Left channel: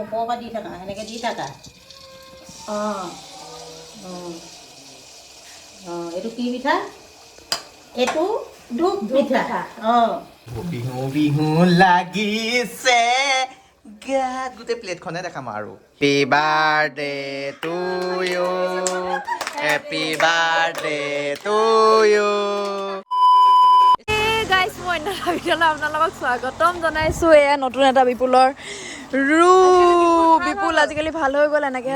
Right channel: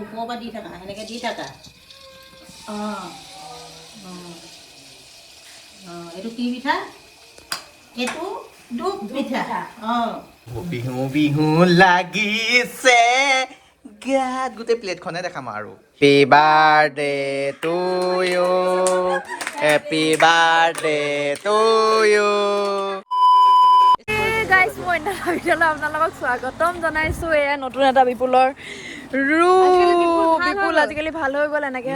ওপৰৰ পৰা দি থাকা এনেকৈ দি থাকা এইটো কি পিঠা এইটো ডুব পিঠা বিহু বিহু লাগিছে গাত গোটেই প্লেটখনে দেখাম আৰু happy birthday to you happy birthday to you গাইছ মই ভিডিঅ'লৈ আপোনালোকক স্বাগতম জনাইছোঁ এয়া নতুন এটা বিপুলৰ বিপুল আজিকালি ভাল হৈ গ'ল এনেকৈ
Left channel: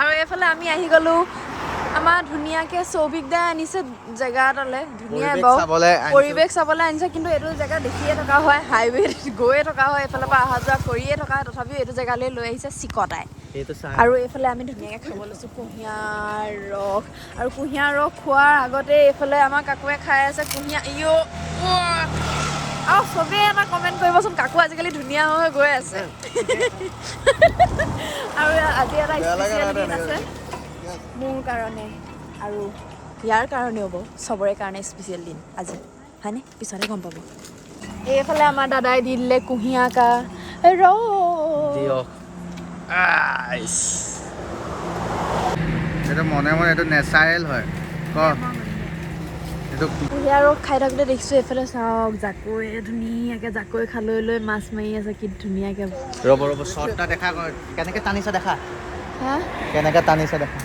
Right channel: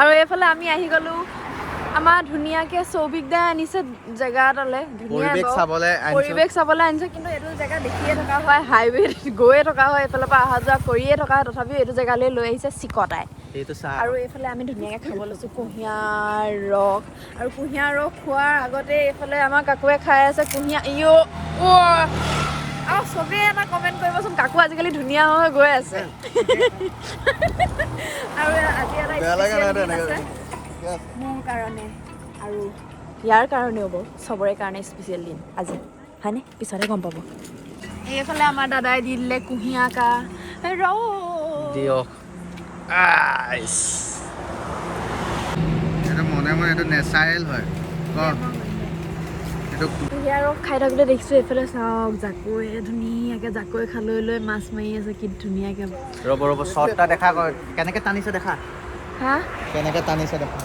আৰু এইফালে আমি আহি গ'লোঁ আমাৰ ধুনীয়াকৈ সৌভিক দাই আনিছে জেগা এটালৈ ধুনীয়া পৰিৱেশ চাবলৈ আনিছে কিন্তু এইটো জেগা দেখিয়ে থকা হয় হাইৱেত গৈয়ে থকা হয় এইফালৰ পৰা অহা যোৱা কৰিয়ে থকা হয় তথাপিও এইটো জেগালৈ লৈ আহিছে চিকটাই আৰু এইফালে আমি ধুনীয়াকৈ খাব লৈছোঁ কুঁহিয়াৰ ৰস আৰু কুঁহিয়াৰ ৰস খোৱাৰ আগতে এইফালে আমাৰ কাকুৱে খাই আছে কুঁহিয়াৰ আৰু চবেই এটা কমেণ্ট কৰিবচোন কাকু আজিকালি ধুনীয়া হৈ গৈ আছে আৰু আজি এটা স্পেচিয়েল দিন আছে মোৰ কাৰণে আৰু ইয়াৰ কাৰণেও হ'ব চবৰে কাৰণে স্পেচিয়েল দিন আজি হয়নে পিছতে গম পাব এইফালে আমাৰ দাদাই দি দিলে কুঁহিয়াৰ কা দিয়ক এইটো মনে মনে এইটো নেচাৰেল হয় কুঁহিয়াৰ খাই থাকোঁতে দেখিছোঁ এইফালে চাওক জাকৈ ধুনীয়াকৈ জাকৈ খালৈ লৈ মাছ মাৰি আছে কি ধুনীয়াকৈ ৰ'ব শ্বৰ্টটা দেখা কেনেকৈ টানিছে দেখা হা কেনেকৈ টানিছে দেখা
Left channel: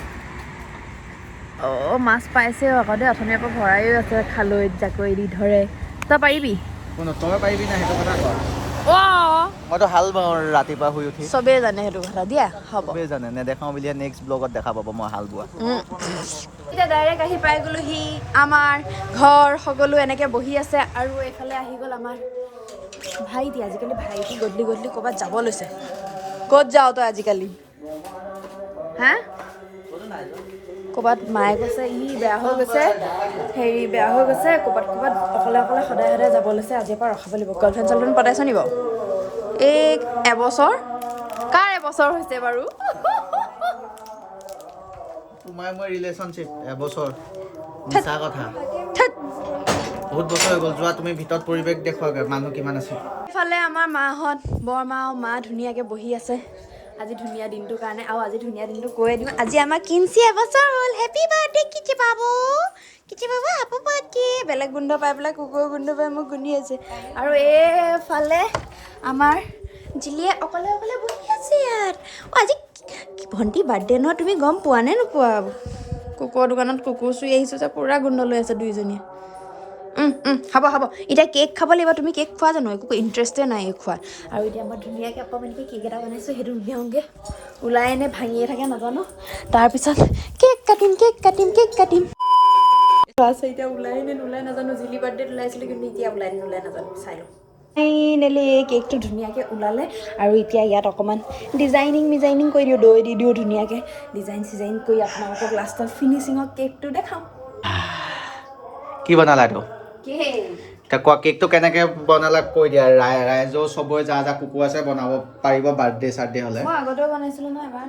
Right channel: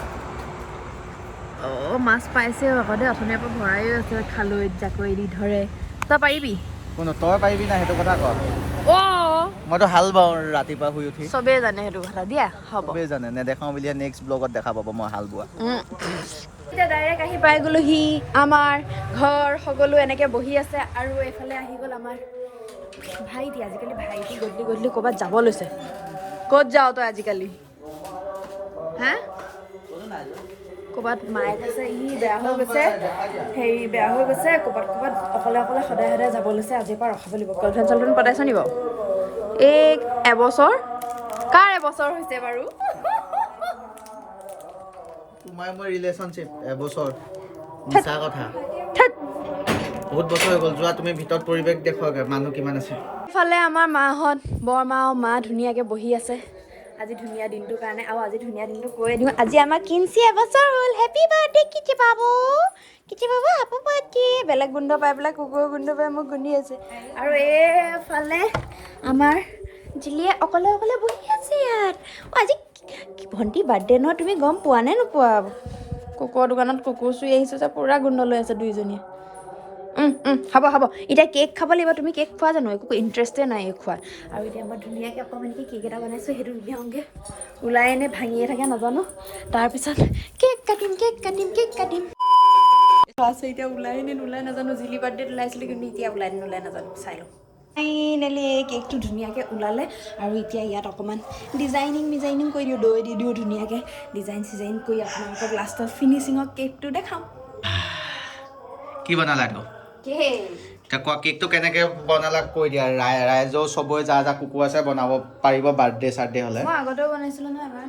মাছ পাইছে আকৌ দেই অথনিৰ পৰা ভৰাইও আছে খালৈত জাকৈ দি ধৰে তই পাৰিবি তই পাৰিবি না সেইটো কথা কওঁ মইতো হাল বাওঁ ৰাতিপুৱা শুই উঠি চবেই জানে সেইটো কথা দিয়া হ'ব চবেই জানে নেদেখাওঁ বুলিয়ে নেক্সট ব্লগত দেখা পাব মই হাল বোৱা এতিয়া ডাইৰেক্ট আহি পাই গ'লোহি আমাৰ ঘৰ সকলো এনেকৈ বহি আছে আৰু এইফালে আহি গ'ল আমাৰ ভাইটি আজিকালি ভাইটি গধূলি ক'ৰবাত যাব লৈছে ক'ত যাৱ তই আজিকালি হা ক'ৰবাত মায়ে কৈছে বেয়া হৈ গৈছে ক'ৰবাত অকলে সদায় যাব লৈছে আজিৰ পৰা ৰখাব লাগিব গাৰ্লফ্ৰেণ্ড চাৰ্লফ্ৰেণ্ড পতাইছ নি বাৰু এই এবছৰ কাৰ এবছৰ হৈছে বাৰু তোমাৰ মই ৰিলেশ্যনশ্বিপ এবছৰ মিছা কথা বহুত বছৰ হৈ গ'ল যোৱা তুমি ভিতৰত পৰিৱেশ দেখুৱাগে মানুহ কিমান আছে ইফালে আমাৰ মাহঁত বৰমা আৰু মা ধুনীয়াকৈ বহি আছে আজি ধুনীয়া দিনটোৰ কাৰণে আৰু আজি ধুনীয়া দিনটো কৈ দিওঁ আজি আমাৰ কিঞ্চি এবছৰ হ'ল হেপী বাৰ্থডে কিচি বাবু হেপী বাৰ্থডে বেলেগ গোন্ধ পাই পেলাই কুকুৰৰ গোন্ধ পাই মোক গুন্ধি আছে আৰু এইফালে আমাৰ জিলিয়ে অকলে বহি আছে ইয়াত আজি ভণ্টি বাৰ্থডে নহয় তুমি গম পোৱা নে নোপোৱা কুকুৰৰ দোকানত কুকুৰ চুই আহিছোঁ যে পূৰা গোন্ধ লৈ আছে দুইজনীয়ে হ'ব এতিয়া কেক খাব লাগিব তুমি কেক খোৱা জানো একো ইণ্টাৰেষ্টে নাই খোৱাত আৰু এতিয়া মই ধুনীয়াকৈ অকণমানকৈ কেক এটা বনাইছোঁ সেইটো উলিয়াওঁগৈ ওলাই এনে ভাঙিয়ে থাকে নাজানো তাৰপিছত কেক কাটিম আছে এতিয়া ওলাই নে নোলাই নাজানো জিলি বাৰ্থডেত ওলাইছিলোঁ কিন্তু এতিয়া ওলাই নে নোলাই নাজানো চাই লওঁ ফাইনেলি এই কেকটো ধুনীয়াকৈ ওলালে আৰু এতিয়া ইয়াত অকণমান ডিজাইনিং কৰি দিওঁ দৈ দি দিওঁ ধুনীয়াকৈ ডিজাইন কৰি আপোনালোকক লাষ্টত ফিনিচিঙৰ কেকটো দেখাম কি বনালা এইটো কোৱা কেকটো কেনেকৈ বনালা কৈ দিয়া ৰাইজৰ চবৰে যা কুকুৰ আছে বনাব পাৰিব বাৰ্থডে চাৰ্থডে হ'লে মই আগতেও বনাইছিলোঁ ন এবাৰ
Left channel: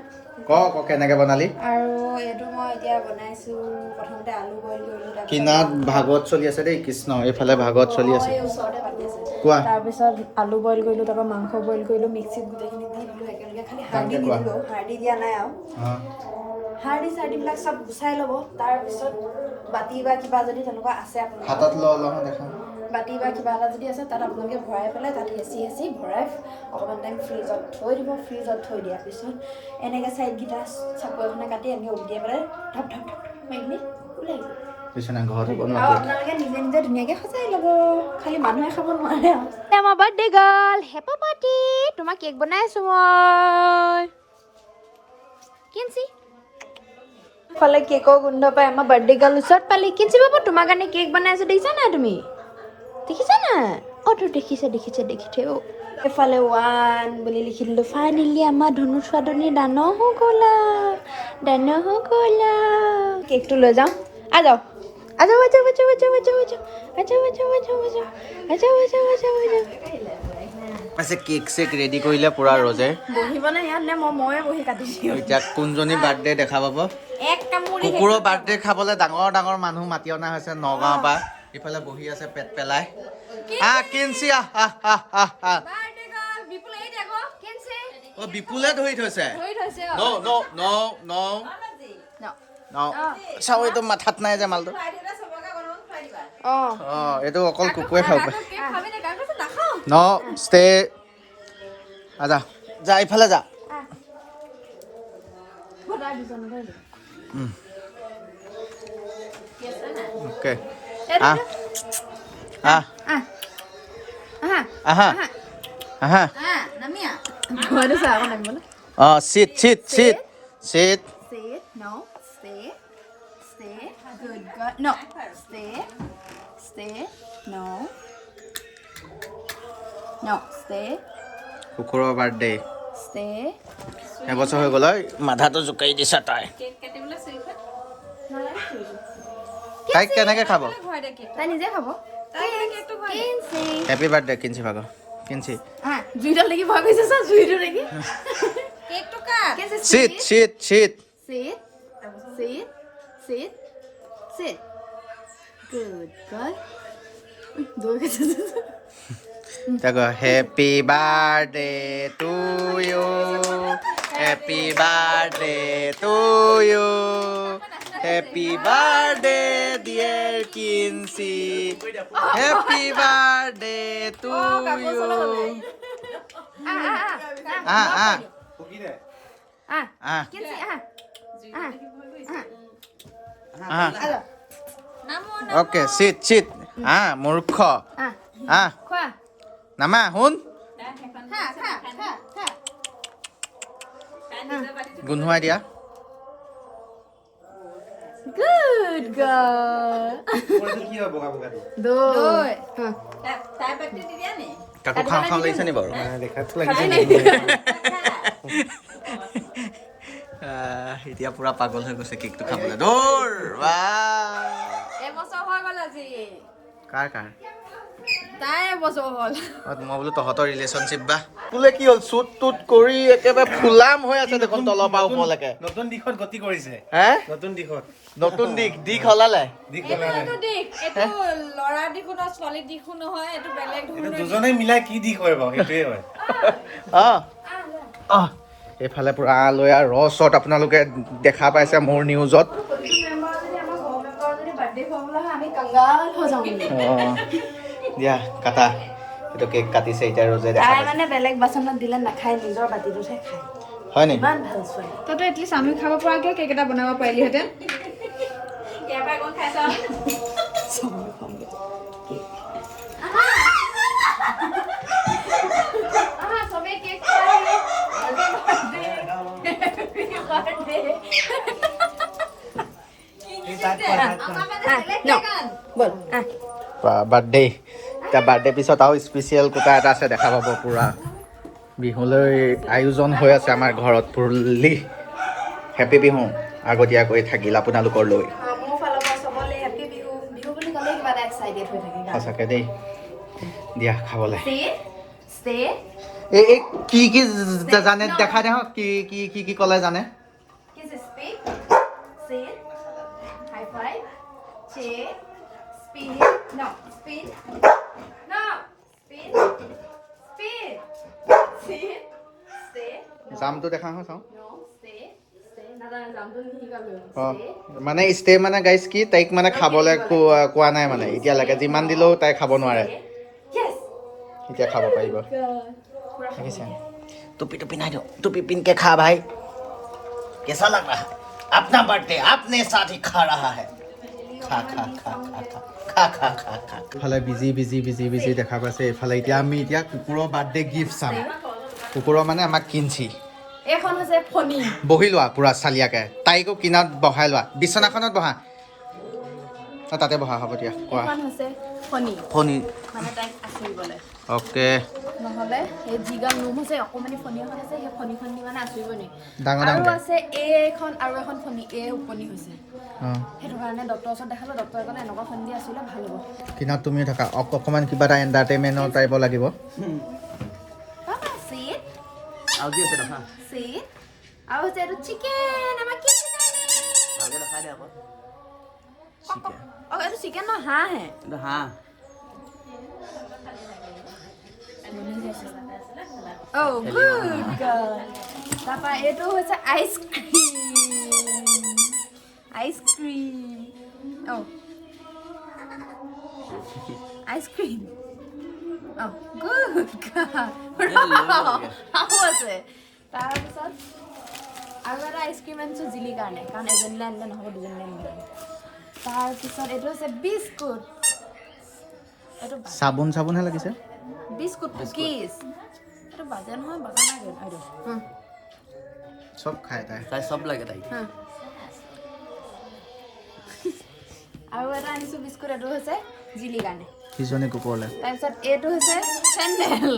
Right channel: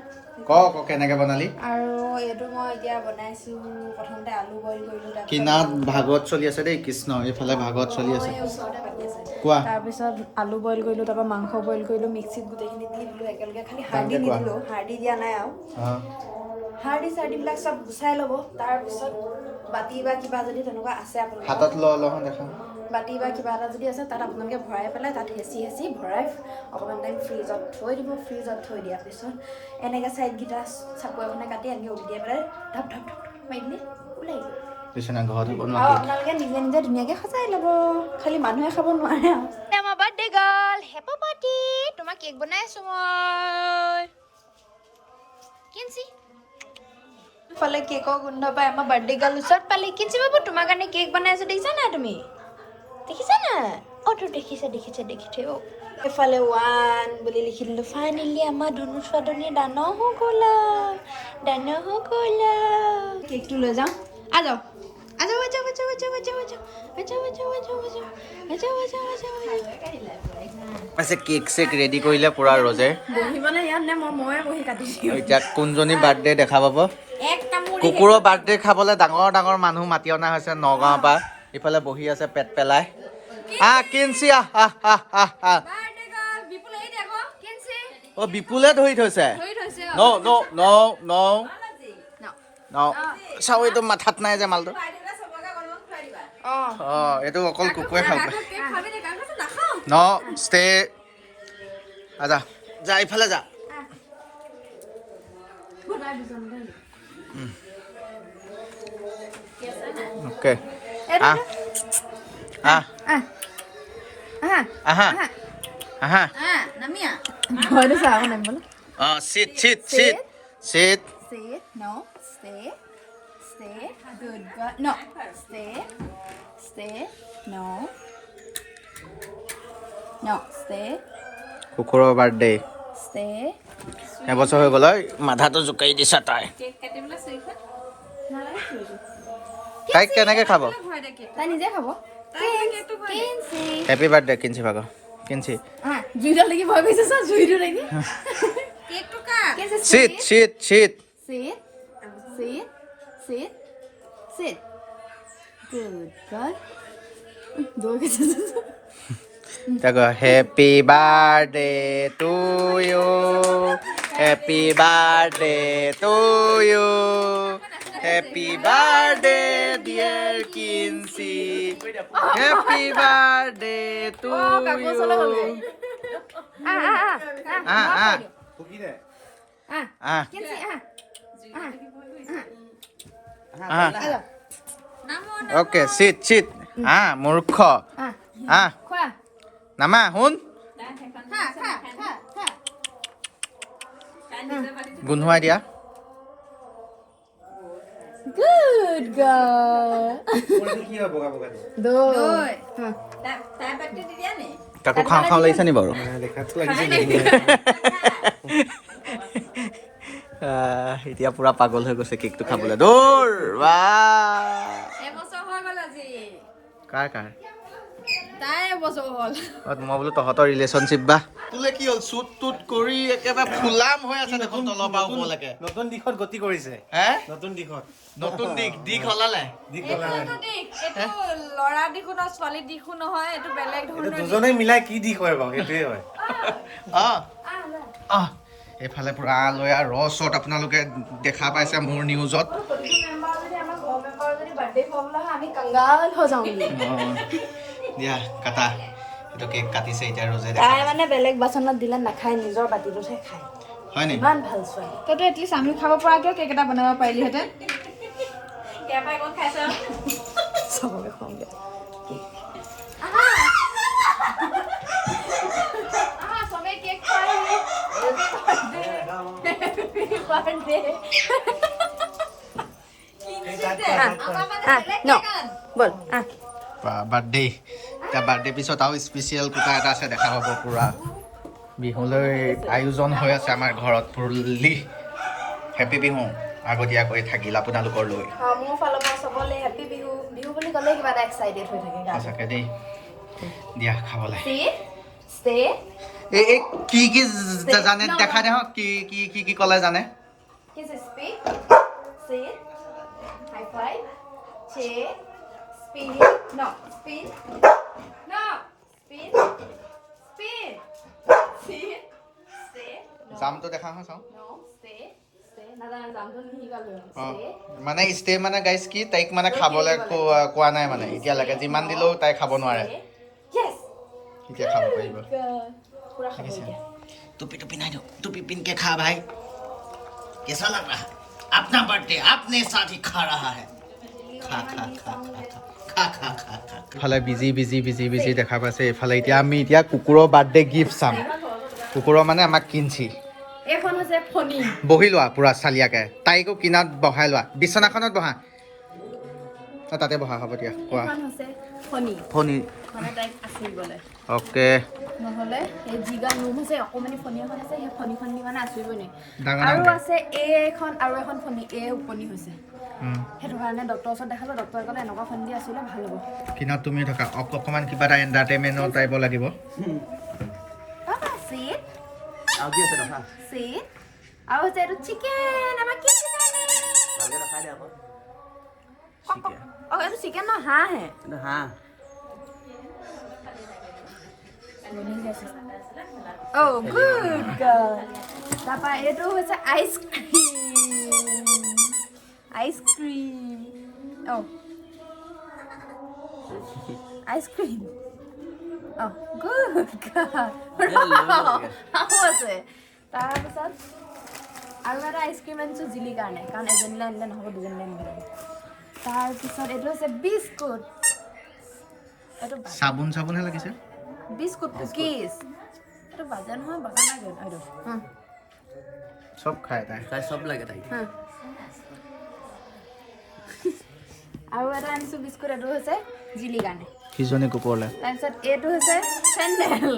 ক কেনেকৈ বনালি আৰু এইটো মই এতিয়া বনাইছোঁ প্ৰথমতে আলু বইল কৰিলোঁ কিনাত ভাগৱত চলি আছে দেই কৃষ্ণ এইফালে ভাগৱত চলি আছে ওচৰতে পাতি আছে কোৱা তাৰপিছত আলু বইল কৰিলোঁ তাৰপৰা মাংস বইল কৰিলোঁ মিক্সিত গোটেইখিনি দি দিলোঁ একেলগে খালি হাৰ্ডি নিদিলোঁ হাৰ্ডি দিয়া নাই আৰু হাৰ্ডি চাৰ্ডিবিলাক চব গুচাই ল'ব তাৰপিছত বাতি বা কিবা যদি তেনেকুৱা আছে আপোনালোকৰ হাতত লওঁ দেখা বাতি বা কিবা এটা যদি আছে তাত আপোনালোকে ভৰাই পেলাই তাত হেঁচি ভৰাই অকণমান টাইম ফ্ৰিজত থৈ দিব ফ্ৰিজত থৈ দিয়াৰ পিছত এনেকৈ চাইডকেইটা চাকু এখনে কাটি আমি উলিয়াই পেলাই ধপ মাৰি কিনে ওলাই আপোনালোকে নিজে ধুনীয়াকৈ সজাই ল'ব খালি মানুহে খাব নোৱাৰে আৰু আমাৰ বাৰ্থডে গাৰ্ল হেপী বাৰ্থডে তোমাক কেক বনাই আছোঁ মই কিঞ্চি ফালে কেকৰ গোন্ধ পাই আমাৰ বাৰ্থডে গাৰ্ল ওচৰত পালি কিঞ্চি বাবু তোমাৰ কাৰণে কেক বনাই আছোঁ দেখিছা নাই তুমি দেখিছা না তো দেখিছে এফালে 1 বুলি লিখি দিলোঁ ফাইনেলি আমাৰ ধনু ছোৱালী ডাঙৰ হৈ গ'লা কেকটো লৈ যাওঁ যাওঁ কেক চেক ৰেডি কৰিলে পুৰা ৰজে বহিবলৈ ইয়াত নে ময়ে বহি কাটিছোঁ এতিয়া কোনজনী বাৰ্থডে দেখা পাব কুকুৰৰ বাৰ্থডে খাবলৈ ডাঙৰ মানুহ মাতি অনা হৈছে নগাঁৱৰ পৰা ইফালে বহি আছে পেট পেলাই কিঞ্চি অ বিপুলে ধৰি থৈছে ন ন ন ন ন চাও এইটো মাথাত নাই যে মালটো অ এইটো অকল কুকুৰে খাব পাৰে ন ষ্টে আজা যা ইফালে যা ওকে আহ আহ আহা আহা sit sit sit sit Sit. No. Stay. Stay. Good girl. No. Stay. Stay. No. No. Stay. কুকুৰৰ বাৰ্থডে Stay. এবছৰ হৈ গ'ল মাথাটো জোকাৰি দিছা তাই তাইক কেনেকে খাব তাই নিজে খাব হেপী বাৰ্থডে কিঞ্চি ভাগৰ কিঞ্চি জুইডাল দেখি ভয় গৈছে চা জুইটো দেখি sit sit sit Sit. Sit. Sit. Sit. Good girl. দৌৰ গৈছে তাকো happy birthday to you happy birthday to you happy birthday dear Kinchi happy birthday to you okay চিট চিট মূৰ্খ খোৱা নামা শুন গোন্ধোৱাই দিয়া Good girl. দৈ তাকো খাওঁ খাওঁ লাগিছে নি বাৰু এতিয়া পুৰা পাগল হৈ গৈছে কেকটো খাবলৈ দৌৰ কাৰ কাৰ তাই এবছৰ হ'ল মই বোলো তহঁতৰ ৰিলেশ্যনশ্বিপ বা বোলে কি হ'ল চুট টুট কৰি একেবাৰে ফুলাম হৈ আছে দেখোন তলৰ পৰা ওপৰলৈকে নতুন দিশত গতি কৰিছে হে নতুন দিশত নতুন দিশ হলালে ল'ৰা দিশো নহয় ছোৱালী দিশো নহয় এইটো বেলেগ এইটো দুজনে মিলাই কি দিশ হয় বাৰু সেইটোৱে হয় এইফালে পুৰা লৈ আৰু ৰছত আপোনালোকে দেখা পাইছে মোৰ নিউজত দিয়া কাটা এইটো কেক কাটিছে এতিয়া ৰজে দেখা তাই মানে বেলেগ বাচনত দিলে নাখায় নিজৰ বাতিটোতহে খায় হয় নেকি ইমান ভাল ছোৱালী তইতো এটলিষ্ট আমি খাব পৰাকৈ কেক এটা বনাব পাৰিলিহেঁতেন বাৰ্থডে এতিয়া বাৰ্থডে পিছত আৰু স্পেচিয়েল কোটা এটা আছে দেখা পাব পুৰা বিহুলৈ আয়োজন হৈ আছে আমাৰ ঘৰত ফুল্লি হেপী বিহু আগতীয়াকৈ থাকিল আপোনালোকৰ লৈ মোৰ ফালৰ পৰা চবলে হেপী বিহু বিহু বুলি ক'লে কিবা এটা এক্সাইটেড হৈ থাকে সঁচাকৈ দেই দিয়া খাবলৈ ষ্টে এই কি কি জানে দেখা দে কি কি কি কি ক'লে জানে Kiss is speed, sit, high five, check, speed, no, speed, no, speed, speed, sit, stay, no, জামটো দেখা হওঁ চাওঁ no, stay, নাজানো জামটো নিশিকালো, অঁ stay, মানে ষ্টে মানে গাইজ কি তাইক মানে খাবলৈ কোৱা নাই মানে এতিয়ালৈকে যিমান দিলেও তাই খাব নোৱাৰে yes, এতিয়া খাব পাৰিব পুৰা দেখিছে টুপি টুপি নাই দিওঁ টুপি পিন के खा भाई कैसा लग रहा है अपना बर्थडे अपने साथ ही खा रहा है खा खा खा खा खा खा खा खा ইফালে বিজি দেখা পাইছে এইফালে এতিয়া আমি এতিয়া কুকুৰৰ বাৰ্থডে গিফ্ট চাম কুকুৰৰ মানে আমাক কিনছি এখন হৈছে ফণী বহি লোৱা পুৰা চালিয়াকে তাইকো কিনাত বহাই লোৱা বিছনাখনত বহা তাতে বহা হ'ব দিয়া কোৱা এখন হৈছে ফণী ফণী মানে তাইক আঁচুৰিবলৈ অ'কে নহ'লে সেই যিগাল ৰুম হৈছে অকণমানি ফণী এখন আছে সেই ফণীখন দি মানে আঁচুৰিবই নোৱাৰি ডাঙৰ আৰু ডাঙৰ আছে এখন আৰু এখন ফণী উপনী হৈছে সেইটো কাৰণে ডক্টৰৰ ওচৰত দেখালোঁ ডক্টৰে ক'লে এনেকুৱা ফণী দি আঁচুৰিলে ভাল হ'ব কিনাত তুমি থকা অকণমান কিবা এটা এণ্টাৰটেইনমেণ্টৰ টাইপ লাগিব চিট আৰু কি আছে দেখা চিট আৰু হৈছে এইটো চিকেন আমাৰ কি ভালকৈ দেখাই দে আকৌ এইটো চিকেন নহয় হাঁহহে হাঁহ Oh, good girl. তাৰপৰা এইটো হৈছে ice cream. Oh. Ice cream. Oh, good girl. আৰু আছে। তাৰপিছত আৰু এটা আইচক্ৰীম আনিছোঁ জিলিৰ কাৰণে, কাৰণ এজনীলৈ আনিলে নহ'ব, দুজনীলৈ আনিব লাগিব। তাৰপিছত এইটো হৈছে বিস্কুট। এইটো চাবোনহে লাগিছে। Biscuit cookies. এইটো বাজে নহয়, বাজা নাই এইটো। চব খায় তাই চব লাগে তাই। আৰু এটা আনিছোঁ বিস্কুট, এইটো হৈছে জিলিৰ কাৰণে। সিজনী কুকুৰলৈ। তাৰপিছত এইটো হৈছে চেণ্ডেল।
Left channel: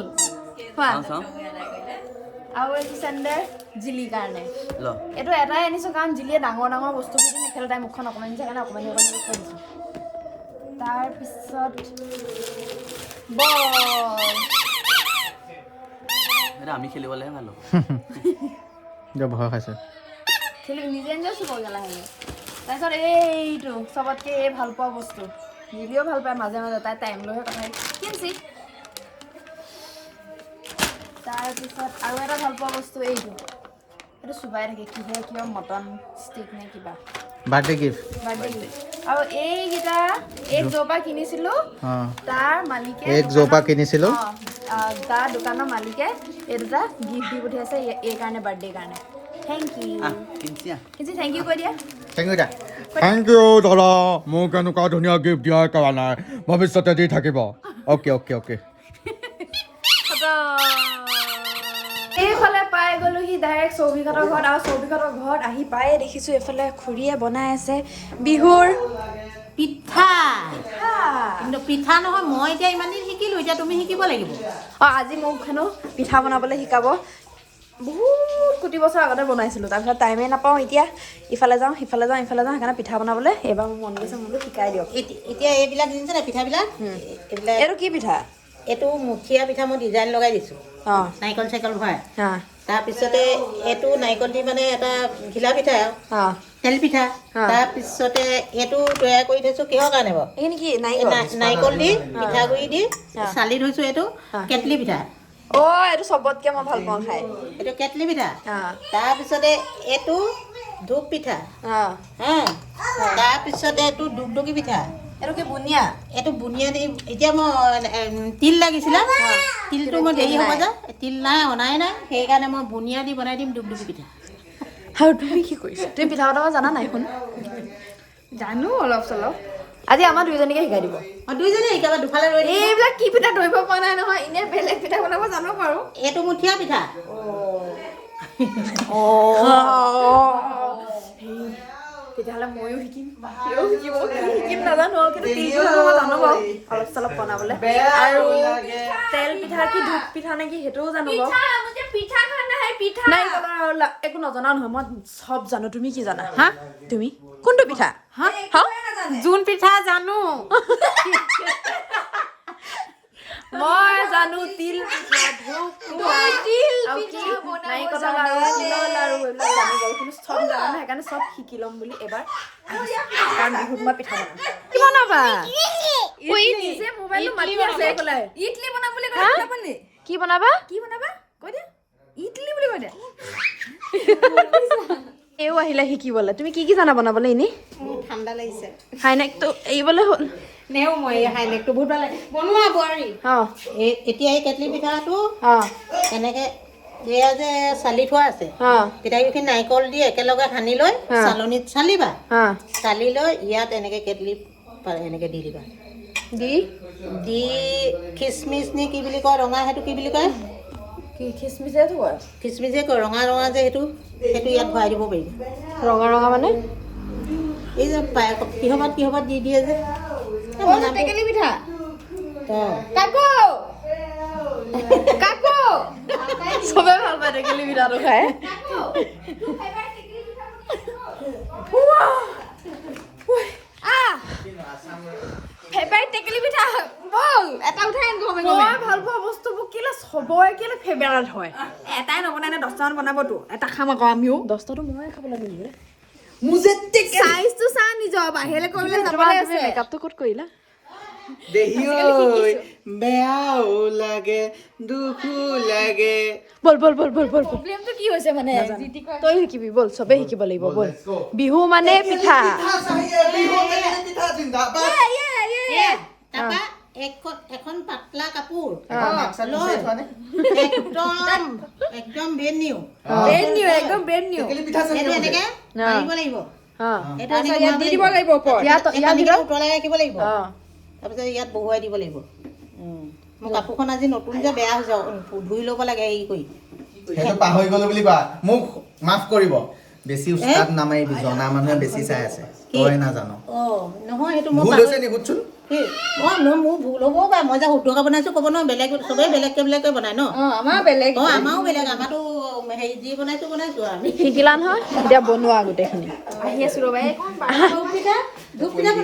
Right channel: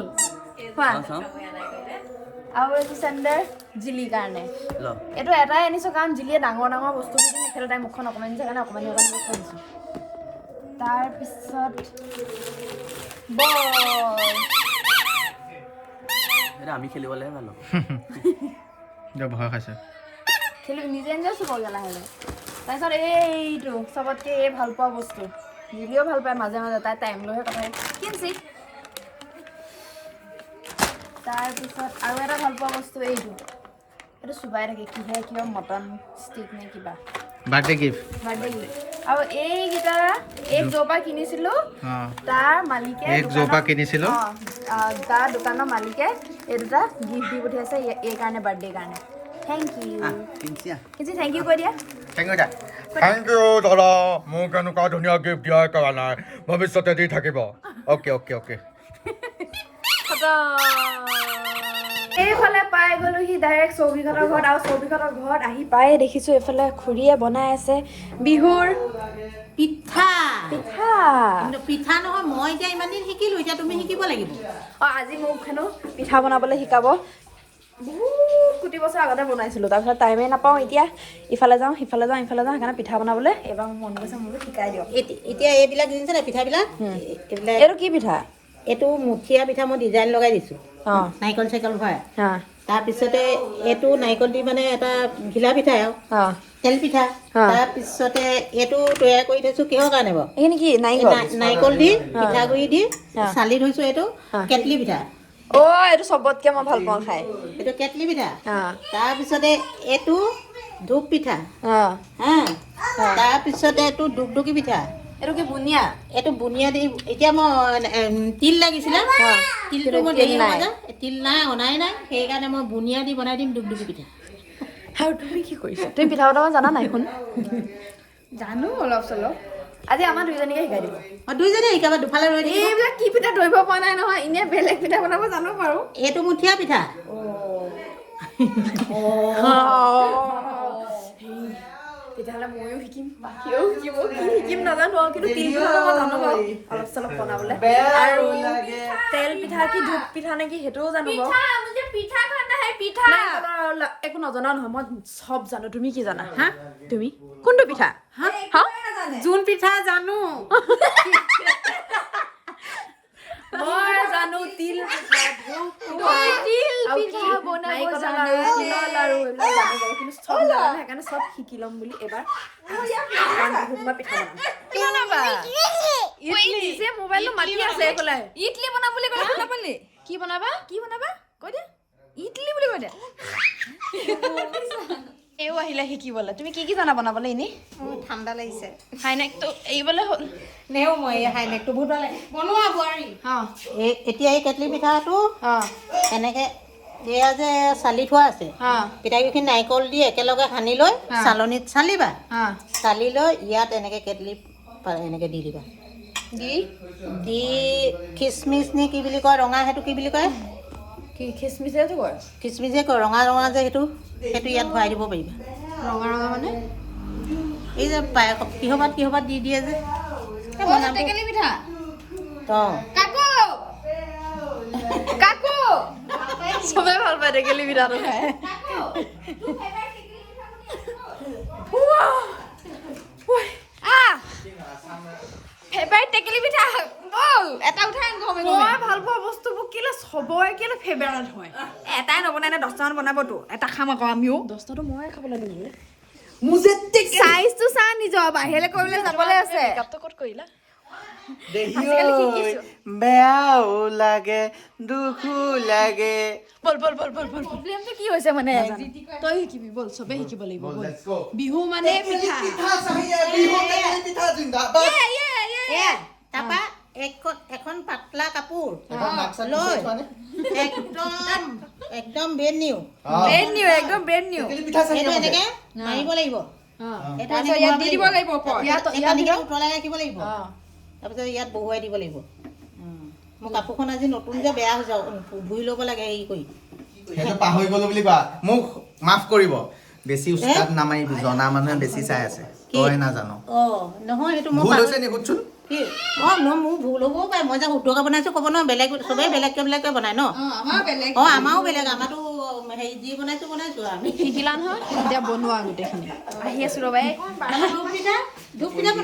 আৰু এইটো চেণ্ডেল জিলিৰ কাৰণে। এইটো এটাই আনিছোঁ কাৰণ জিলিয়ে ডাঙৰ বস্তুবোৰ দি নেখেলে, তাই মুখখন অকণমানি যে কাৰণে অকণমানি বস্তু আনিছোঁ। তাৰপিছত বল। আমি খেলিবলৈহে ভাল হ'ব। ভয় খাইছে। খেলি নিজে চুব গেলা হ'লে। তাৰপিছত এইটো চবতকৈ এই ভাল পোৱা বস্তু, জিলিও ভাল পায় মাজে মাজে, তাই টাইম লৈহে কথা কিনছি। তাৰপিছত আৰু এটা ভাল পোৱা বস্তু এইটো চুবাই থাকে, কিবা মটন ষ্টিক নে কিবা। Birthday gift. আৰু এইকেইটা এক জোপা কিনিছিলোঁ, তাৰ মালিকে তাৰ দোকানৰ মালিকে এই দুটা গিফ্ট দি পঠিয়াইছে এই কাৰণে, বাৰ্থডে কাৰণে। থেংক ইউ কিঞ্চি, থেংক ইউ কৈ দিয়া। থেংক ইউ দাদা, মোক এনেকুৱা ধুনীয়া গিফ্ট দিয়াৰ কাৰণে, ভৱিষ্যতে দি থাকিব। অ'কে। এইফালে পাই গ'লোহি ডাইৰেক্ট চৌবিঘাটৰ ঘৰত, আৰু চৌবিঘাটৰ ঘৰত আহি পায়ে দেখিছোঁ এইফালে খুৰীয়ে বনাই আছে বিহুৰ পিঠা। পিঠা। কিন্তু পিঠা নহয়, মই এতিয়া ইমান দিন শিকিলোঁ, এতিয়া তুমি শিকিব লাগিব। আজি মোক হেনো পিঠা বনাবলৈ শিকাব। বহুত কোটি বছৰ আগতে বনাইছিলোঁ, তাৰপিছত টাইমেই নাপাওঁ। এতিয়া ইফালে যাওঁ সিফালে যাওঁ, সেইকাৰণে পিঠা বনাবলৈ এইবাৰ মোৰ মন গৈছে, মোক শিকাই দিয়ক। এতিয়া এইবিলাক দিছে নাই পিঠাবিলাক? এইটো কি পিঠা? এইটো মুঠিয়া পিঠা মই ডিজাইন লগাই দিছোঁ, নাৰিকল চাইকল ভৰাই। তাৰপিছতে এইটো নাৰিকল দি মানে এটা ঘিলা পিঠা, তেল পিঠা। তাৰপিছতে এইটো তৈয়াৰ কৰি থৈছোঁ কিহৰ কাৰণে বাৰু? এইখিনি কি নাৰিকল দি পিঠাগুড়ি দি চালি থৈছোঁ। এইটো কেটলি পিঠা। এইটো চবতকৈ মই ভাল পাওঁ খাই। এইটো কেটলি পিঠা। তাৰপিছতে এইটো ধূপ পিঠা। তাৰপিছতে এইটো দুগদুগী পিঠা। এইটো কি বুনিয়া? এইটো বুনিয়া দি, এতিয়া মই তিল লাগিছিলে, তিলটো মই দেৰি হ'ব যে, তিল নাই, অনাই নাই, সেইকাৰণে মই বুনিয়া দি বনাই দিম দুগদুগী পিঠা। আৰু তুমি কি কৰিছা? তুমি পিঠা বনাব জানা নাই? শুন, জানো অলপ চলপ। আজি আমাৰ দুইজনীকে শিকাই দিব। দুইজনী শিকাবা, দুফালে ৰৈ দিম। এইবিলাক কি পিঠা ধৰিব পৰা নাই নহয়, এনেই বেলেগ পিঠা বনাব জানো বাৰু। এইটো মুঠিয়া পিঠা। তেতিয়াহ'লে ময়ো শিকিম, বাকীও শিকিব। কি শিকিম নাজানো, কিন্তু তিল পিঠাটো মই জানো বাৰু অলপ চলপ বনাবলৈ। আৰু তেল পিঠা কি ধূপ পিঠা নেকি সেইটোও জানো বাৰু। একো নজনা নহয়, মই চব জানো। তুমি কি জানা? তুমি কোনটো পিঠা? জোন পিঠা জানো। মই জানো তিল পিঠা, ধূপ পিঠা, নাৰিকলৰ লাৰু, তিলৰ লাৰু, এইবিলাক জানো বাৰু, কিন্তু চব নাজানো। সেইকাৰণে চব শিকি ল'ম বুলি এবাৰ আহিছোঁ, কাৰণ বিহুত মই পিঠা বনাম। কি বনাবা? মোবাইলটো মাতি আছে এইফালে। ইডলি বনাম বুলি ক'লে। কি বনাবা? কৈ দিয়া। ইডলি বুলি কৈ দিয়া। এও আহিলে শিকিবলৈ। তুমি কি জানা বনাবলৈ? এনেই ঠাণ্ডা লাগিছে, হাইনেকটো এৰিবলৈ হ'ল। নেও মই হাইনেকটো বহুত ভাল লাগে বনোৱা বোৱাৰী। এতিয়া এই কেটলি পিঠাটো এনেকে এয়া যে চালি থোৱা আছে, পিঠাগুড়িখিনি নাৰিকল দি একেলগে সানি লৈ চালনীত চালিবা। চালি লৈ ইয়াত এনেকে কেটলি এনেকে দি দিবা। দি খিচমিচ নে কি বুলি কয়, ৰঙা, সেইটো কি বুলি কয়? কি খিচমিচেটো কয়? খিচমিচে কয়, ৰঙা ৰঙা যে সেইটো ইয়াত ভৰাই দিব পাৰিবা। ৰঙা ৰঙা মানে এই যে কিহবাত দি দিয়ে যে টেকেলি পিঠা। চবে ভাল পায় টেকেলি পিঠাটো খাই। ফেভাৰিট টেকেলি পিঠা বল এটা উঠাই আন। মই ভাল পোৱা বস্তুবোৰ কেলে চবৰে কেলে ফেভাৰিট হয়? এটাই নবনাই নে 10টামান বনাবতো, এটা খাম আকৌ আমিও। 10টাটো ময়ে খাবলৈ নিদিওঁ। চাইজটো চা নিজৰ, বাহিৰলৈ কৰিবলৈ যাবলৈ আছে। মেকআপটো ক'ত কৰিলা? দেহি ঐ বেয়াও লাগে দুখো লাগে বল বল বল বল বল প্ৰব্লেমটো কি হৈছে মানে তই শিকিবি বল চবেই শিকিব লাগিব বল বিহু মানে পিঠা এয়া, তাৰপা এখন পাতলা কাপোৰ লৈ একদম ব্ৰেণ্ড নিউ ব্ৰেণ্ড নিউ একদম ব্ৰেণ্ড নিউ এইটো এনেকে মাৰিব লাগিব এইটো এনেকে ইয়াত দি দিব লাগিব ওপৰত ইয়াত উতলাই ৰাখিব লাগিব তাৰপিছত ইয়াত বহুৱাই দিব লাগিব মোৰ কাপোৰখন আজি নতুন যে বেয়া হৈছে ধুই ল'ব লাগে হেৰি কৰি সেইটো পাহৰি গলো বুলি কোৱা মোক মাফ কৰিব বেছি উস্তাদ নামাৰিবি জনা মানুহে বেছি চাই আছে তই নাজানো নহয় সেইটো ভুল হৈছে নি সুধচোন মোৰ ভুল হ'বও পাৰে মই যে শুদ্ধকৈ বনাইছো ক'ব নহয় বেলেগ চবেই বেলেগকৈ বনাই ন আমাৰ বেলেগ আমাৰো বেলেগ আমাৰতো হেৰি যি বনাইছো আমি শিকিলা নহয় এতিয়া বনোৱা গোটেইখিনি আহি আছো ৰ'বা ধূপ পিঠা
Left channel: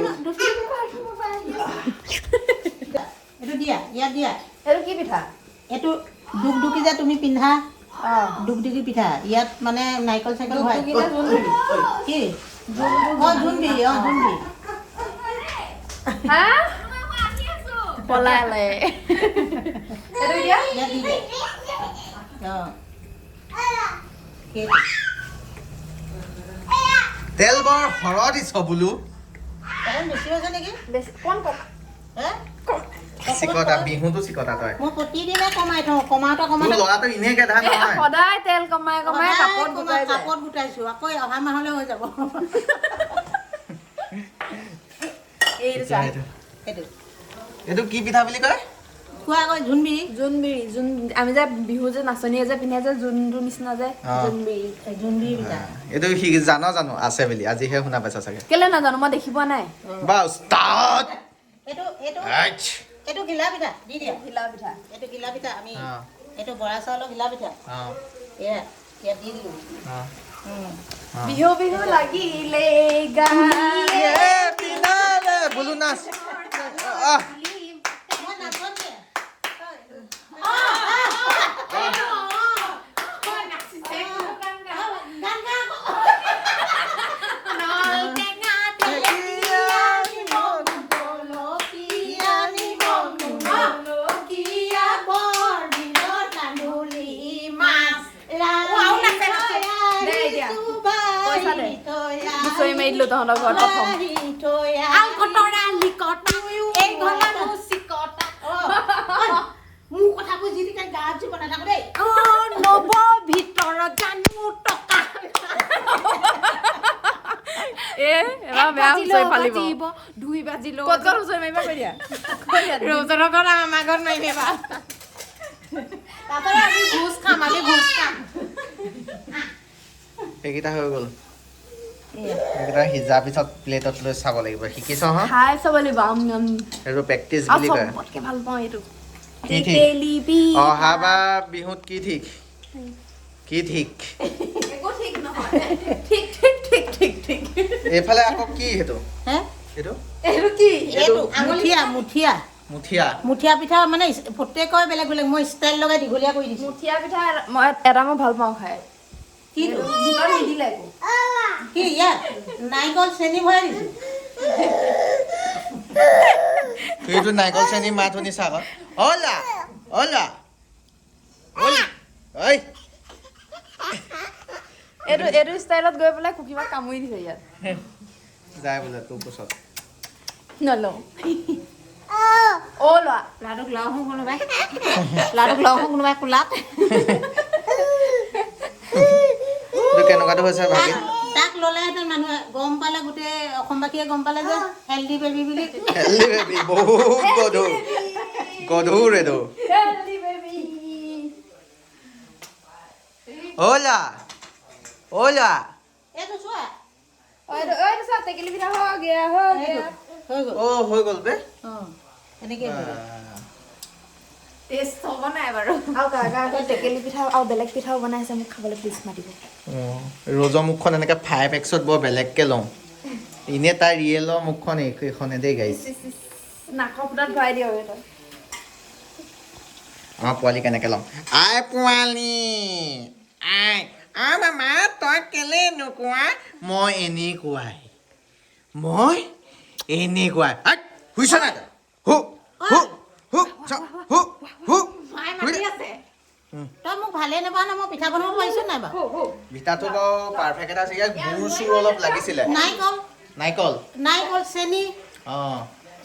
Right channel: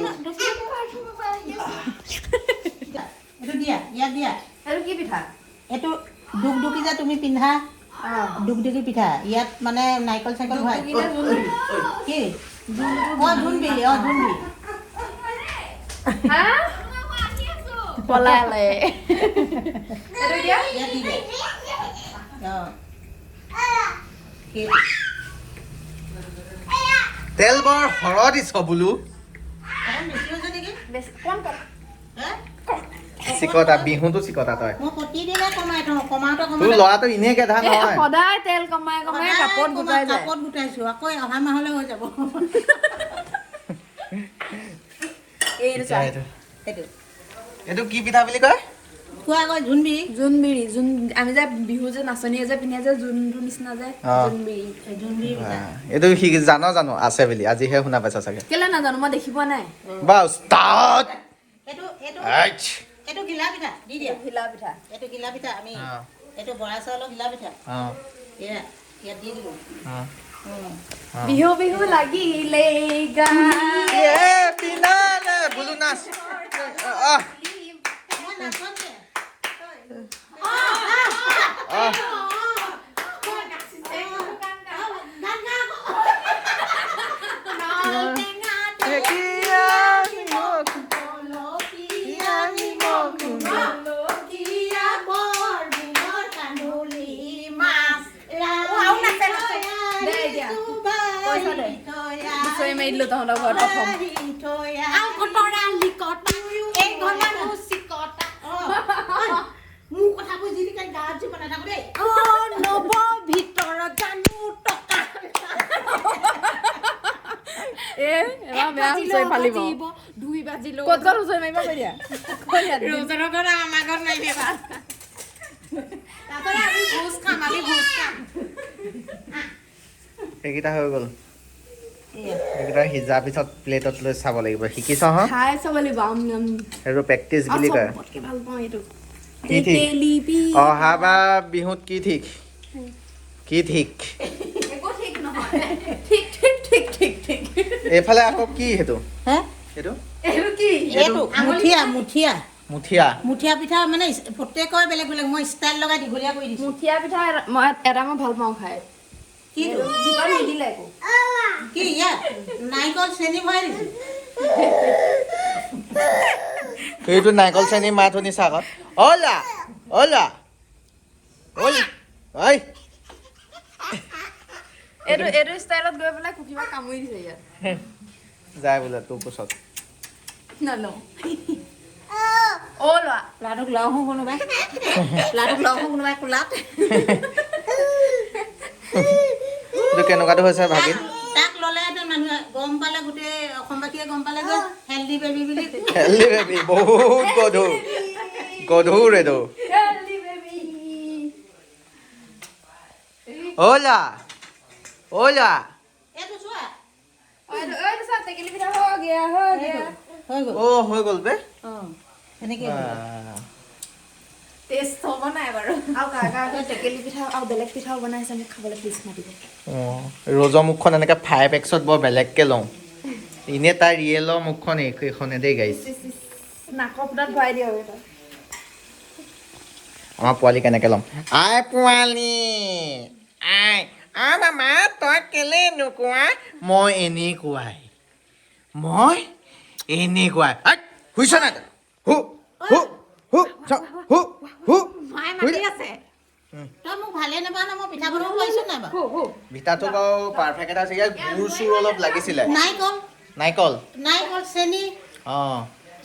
এইটো দিয়া ইয়াত দিয়া এইটো কি পিঠা এইটো দুগদুগী যে তুমি পিন্ধা দুগদুগী পিঠা ইয়াত মানে নাৰিকল চাইকল ভৰাই কি জোনবিৰি জোনবিৰি পলালে ইয়াত দি দে তেল বৰ সৰহ দিছ বোলো বেছি হৈছে নেকি চিকতা বিহুটো চিকতা তই মই প্ৰতিদিনে কমাই থওঁ কমাওঁতে তোৰ ল'ৰাটো এনেই গেধা নহয় সদায় তেল কমাই কমাই কাপোৰ কাপত গোটাইছো আকৌ অহা মাহলৈ হৈ যাব এইটো কি পিঠা বুলি কয় খোৱা আকৌ জোনবিৰি জোনবিৰি আমি যে বিহু যে নাচনীয়ে যে পিন্ধে যে জোনটোৰ নিচিনা যে জোনবিৰি এইটো জানো আছে বুলি আজিহে শুনা পাইছা চাগে কেলে নাজানো মই দেখি পোৱা নাই বা উস্তাদ এইটো ঘিলা পিঠা দি দিয়া এইটো ঘিলা পিঠা আমি এইটো বৰা চাউলৰ ঘিলা পিঠা ইয়াত দি দিলো বিহু বিহু লাগিলে বোলো নাচ হুঁচৰি মাৰি দিলো তহঁতৰ ঘৰত প্ৰথম মোৰ কথাবোৰ যি গাঁৱত যি বনাই থাকো দেই নৱ ভিতৰত জানো টকা এবাৰ বেয়া হুঁচৰি ফালিব ধুই বাজিলো ক'ত ক'ত হুঁচৰি মাৰিব কৈ দিয়া ৰৌজনৰ ঘৰত আমাৰ ঘৰত মাৰিবি এবাৰ তাৰপৰা আমি ভোজ খাম সেইকেইটা হৈ গ'ল সেইকেইটা সিজা পিছত প্লেটত লৈ চাব লাগিব শিকিছ হ খাই চাব লাগিব সেইটো প্ৰেক্টিচ বুলি কয় চবতকে ভাল পাওঁ এইটো কি ঠিক অহাবাৰ বিহুত কি ঠিক একো ঠিক নহয় ঠিক ঠিক ঠিক ঠিক ঠিক এইফালে আকৌ কি সেইটো হে এইটো এইটো কি মুঠীয়া পিঠা মানে প্ৰত্যেকৰে বেলেগ বেলেগ মই ষ্টাইল লগাই দীঘলীয়া কৰি দিছোঁ মুঠীয়া পিঠা মই এটা মই ভাল পাওঁ খাই দোকান নিদিলে একো কি ইয়াত নাৰিকল চেনি ভৰাই দিছোঁ সেইটো নাৰিকল চেনি মাত শুনিছা আকৌ অলা অলা অলা ঐ এইটো ষ্টাইলত গৈ পেলাই কুকিমা কামুৰি দিছে ইয়াত যায় বোলে তোৰ কোচত নলওঁ ল'ৰাটোক লওঁ কোনোবাই কোলাত এইটো কেনেকুৱাটো হৈছে ভাগি তাক ল'লেহেঁতেন মানুহে গম পালে গোটেই অসমবাসীয়ে গম পালে যে হেল্ডি বেবী বুলি হেল্ডি বেবী বহুত গধুৰ এইটো অলা অলা এইটো চোৱা টেকেলি পিঠা হৈ গ'ল অ' হৈ গ'ল বে এনেকৈ টেষ্ট হ'ব নাই বাৰু আৰু টেকেলি পিঠা আৰু বেলেগ পিঠাও বনাইছে মোক খাবলৈ প্লিজ মাতিব ৰজৰ মুখখন এনেকৈ 5x বৰ বেলেগকৈ লওঁ এনেই তাৰ ৰিয়েলৰ মুখখন এইখনে দেই গাইছ নাকৰ ফুটাত ভৰাই দিয়ক এটা আমাৰ পোৱালি কেনেকৈ ল'ম আই পোৱালি আই মামা তই কেলে নোকোৱা মই এনেকুৱাই শুইছ না হু হু হু হু হু মায়ে মাতি আছে তই মোক ভালে নাপাওঁ ন মই পিঠা বনাব পাৰিছোঁ নাই বাৰু পিঠাটো বাৰু পাৰফেক্ট এটা আছে ইয়াত গুৰ চুৰ অলপ লাগিছিলে নাৰিকল নাৰিকল চেনি অঁ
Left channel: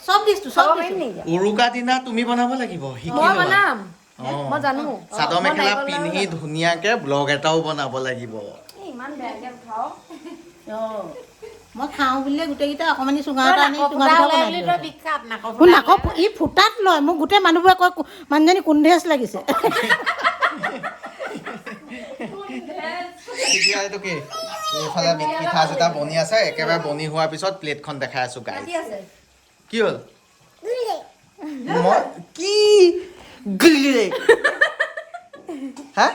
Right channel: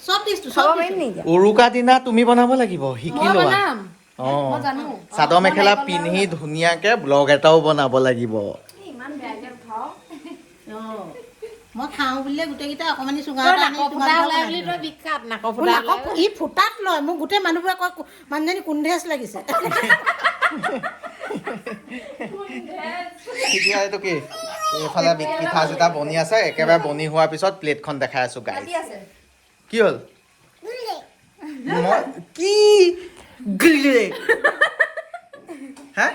চব দিছোঁ চব দিছোঁ উৰুকা দিনা তুমি বনাব লাগিব শিকি মই লোৱা বনাম অঁ মই জানো চাদৰ মেখেলা পিন্ধি ধুনীয়াকে ব্লগ এটাও বনাব লাগিব ইমান বেয়াকে খাওঁ অঁ মই খাওঁ বুলিলে গোটেইকেইটা অকণমানি চুঙা তই এটা নাকৰ ফুটা ওলাই বুলি তই বিখ্যাত নাকৰ ফুটা ই ফুটাত লয় মোক গোটেই মানুহবোৰে কয় মানুহজনী কুন্ধেজ লাগিছে এতিয়া এইটো কি এইফালে পিঠা চিঠা বনি আছে একেবাৰে বনি হোৱাৰ পিছত প্লেটখন দেখাই আছো গাই কি হ'ল মই কি গুলিলে হা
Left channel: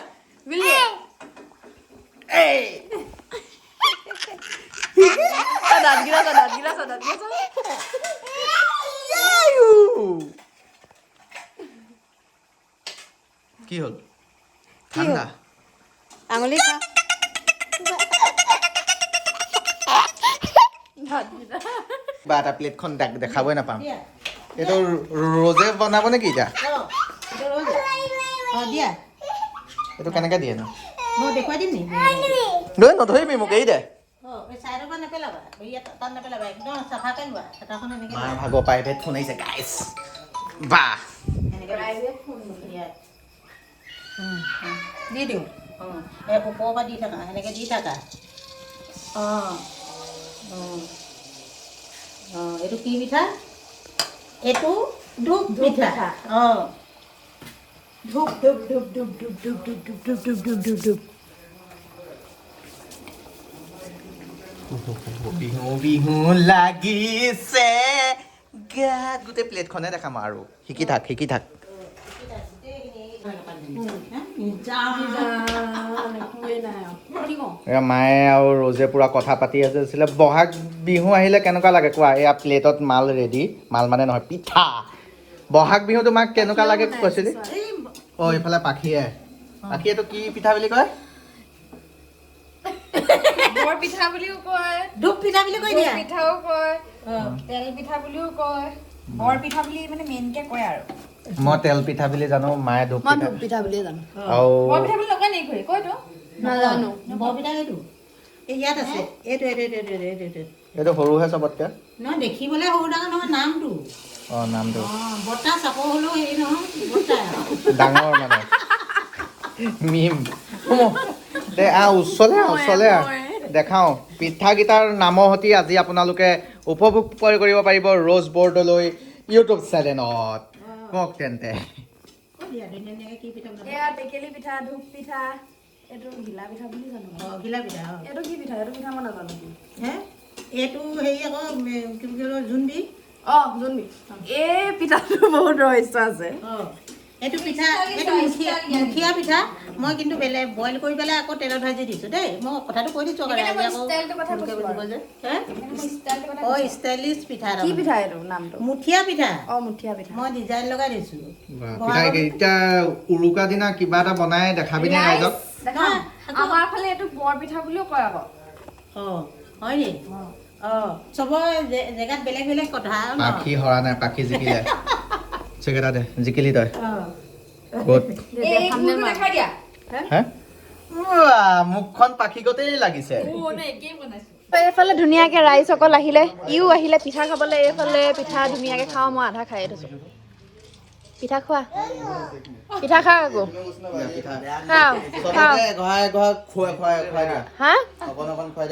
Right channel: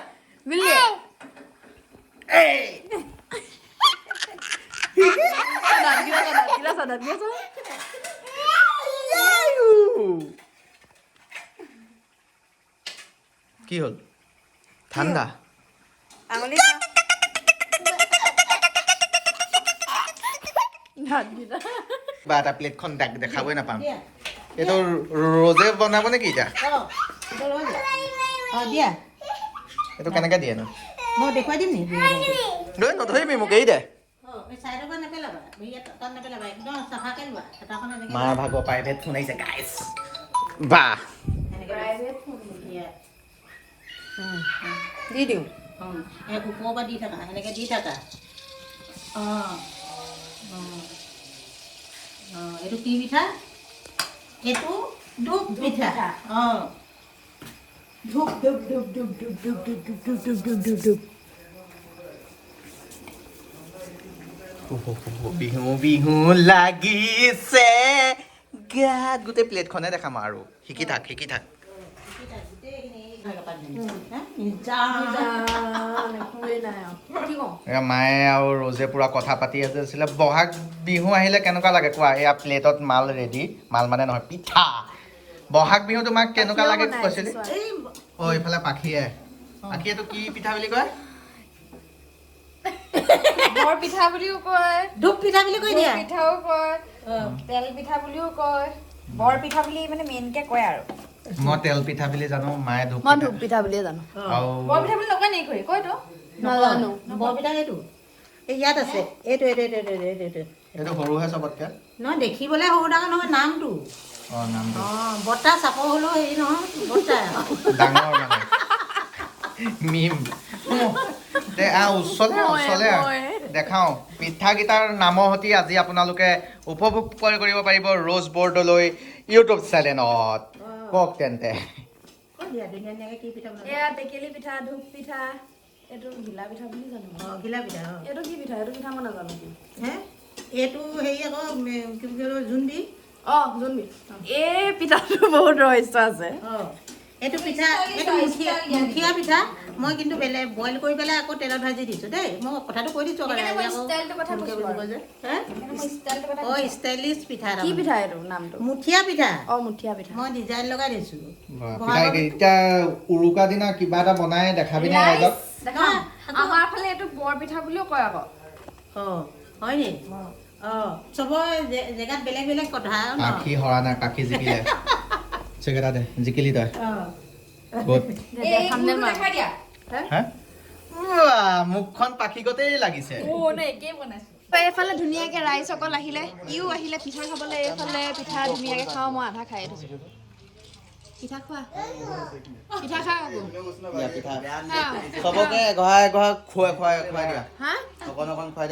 কি হ'ল ঠাণ্ডা আঙুলি বা এটা প্লেটখন দেখাবই নাপাম এইটো ৰ'জে বনাব নেকি এতিয়া দিয়া এইটো কেনেকৈ দিয়ে ন মই দেখুৱাই দিম নেকি লৈ নধৰিবি মোক এৰি দে চাইডৰ পৰা নেপেলাবা তাত নেপেলাবা একদম চাফাকৈ লোৱা হেতাখন এনেকৈ মাৰ ভাগৰ প্ৰাইভেট ফোন আহিছে গাইছ বা দি দিওঁ এই ওপৰৰ পৰা দি থাকা এনেকৈ দি থাকা অঁ এইটো কি পিঠা এইটো ধূপ পিঠা অঁ ধূপ ধূপ ধূপ ধূপ ধূপ ধূপ ধূপ ধূপ ধূপ ধূপ ধূপ ধূপ ধূপ বিহু বিহু লাগিছে গাত গোটেই প্লেটখনে দেখাম আৰু শিকি থাক মায়ে আৰু ৰ'জে পুৰা কথা পাতি আছিলে বহাগ বিহু আহিলে কেনেকুৱা লাগে কোৱা এয়া প্লেটত মাল ৰেডি মাল মানে নহয় পিঠা বহাগ বিহু তোমাক কেনেকুৱা লাগে কৈছিলি অঁ এইফালে পাখীয়েটো কি পিঠা বুলি কয় বৰ পিঠা বুলিও কয় ধূপ পিঠা বুলি কৈ দিয়া পিঠাও কয় তেল পিঠা বুলিও কয় বৰ পিঠা বুলি মানে মেইনকে কয় আৰু মই তেল পিঠা বুলি জানো মায়ে ধূপ মই ধূপ পিঠা বুলিয়ে জানো আৰু বৰ পিঠা বুলি নকয় নেকি কয়তো নাজানো বৰপিঠা এইটো এই ইয়াত আছে এইটো এইটো সৰুহে চবতকে নহয় দেখিবলৈ সৰু ডাঙৰ নহয় নামটো অঁ নামটো অঁ বৰ্তা চাপৰ হ'লেও হেৰি নহয় বৰ্তা ডাঙৰ মানে মিম দে ওচৰলে দেখাওঁ পিঠাকেইটাৰ নামৰ সৈতে আজি আপোনালোকে উপভোগ কৰিব পাৰিব ৰ'জ বৰ্ডলৈ ইউটিউব চেনেলত কওক তেন্তে কি পিঠা বনাব এয়া টেকেলি পিঠা ধূপ পিঠা এইটো ঘিলা পিঠা বুলি জানো ঘিলা পিঠা এইটো কি পিঠা এইটো পিঠা মই নাজানো হে এইটো হেৰি আকৌ কি বুলি কয় জোনবিধ অঁ জোনবিধ এই পিঠাটো বহুত ৰহস্য আছে অঁ এইটো পিঠা এইটো মুঠিয়া পিঠা মই কিন্তু বেলেগ বইল কৰি পেলাই আকৌ তেলত ভাজি দিছোঁ দেই মই কথাটো কৈ দিছোঁ অঁ ষ্টাইলিছ পিঠা কি পিঠা এইটো নামটো মুঠিয়া পিঠা অঁ মুঠিয়া পিঠা মই ডিজাইন লগাই দিছোঁ এতিয়া উৰুকা দিনা কিবা এটা বনাই দেখাবিনে ৰাইজক আমাৰ ফালে এইটো বৰ পিঠা বুলিও কয় আকৌ অঁ হয় নি অঁ চবৰ জেগাত বেলেগ বেলেগ কথা পাখি হৰা নাই পাখি জিকিলে চেকেটা দে জিকিলি তই মুখখন পাখিগতেই লাগিছে এইফালে ধুনীয়াকে ৰাইজসকল আহিলে ইও আহিলে পিঠা খাবলৈ এইফালে পিঠা ধুনীয়াকে খাওঁ মই আধা খাই থৈছো পিঠা খোৱা পিঠা খা আকৌ হা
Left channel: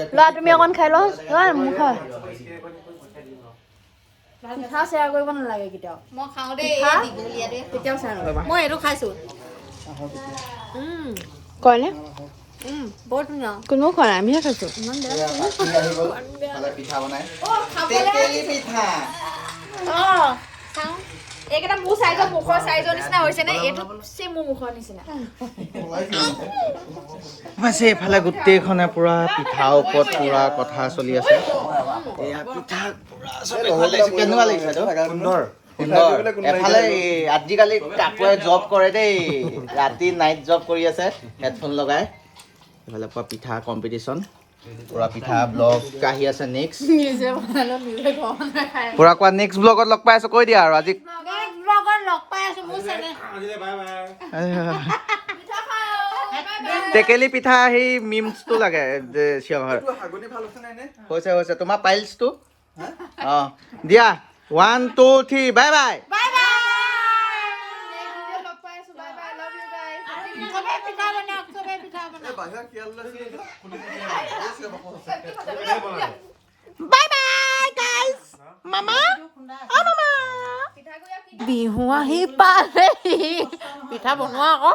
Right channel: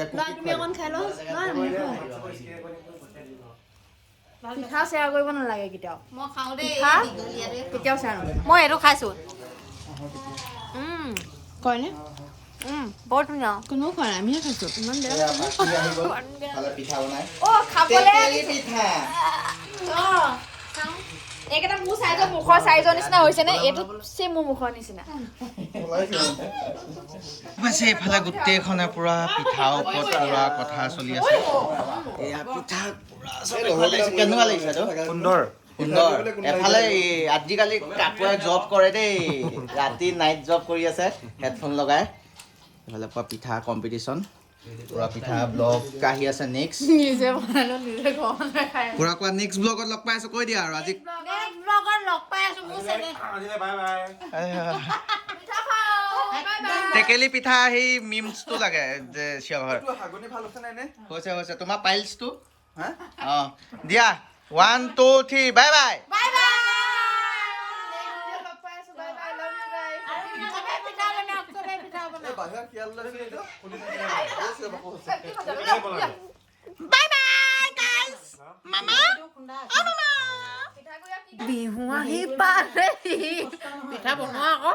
লোৱা তুমি অকণ খাই লোৱা পিঠা শ্বেয়াৰ কৰিব নালাগে কেতিয়াও মই খাওঁ দেই কেতিয়াও শ্বেয়াৰ নকৰিবা মই এইটো খাইছো কয়নে বৰ ধুনীয়া কোনেও খোৱা নাই আমিহে খাইছো ইমান বেয়া এইকেইটা মোৰ চাইজৰ মুখৰ চাইজৰ নিচিনা হৈছে নে এইটো চেম মোৰ মুখৰ নিচিনা এইফালে গোটেইখনে পুৰা পিঠা ওপৰত পুৰা কথা চলি আছে এয়া পিঠা কেনেকুৱা লাগিছে সুন্দৰ এফালে আজিকালি কাকোৱে জব কৰে দেই ৰাতি নাইট জব কৰি আছে হেডফোন লগাই এফালে পুৰা পিঠা কম্পিটিশ্যন পুৰা পিঠা ব্লগ আহি আছে নেক্সট নিজে বনালো নিজে ঘৰ মানুহে খাই পুৰা কোৱা নেক্সট ব্লগত লগ পাই আছো কৈ দিয়া আৰু আজি ব্লগত লগ পাই আছো মোৰ চেনেল বাই বাই টেকেলি পিঠা সেই মিমছটো লাগে যে চিঞৰ হৈছে হৈছে তোমাৰ পাইলছটো অ দিয়া 1 2 3 বাই বাই বিহু আহি পালেহি পিঠা বনোৱা আকৌ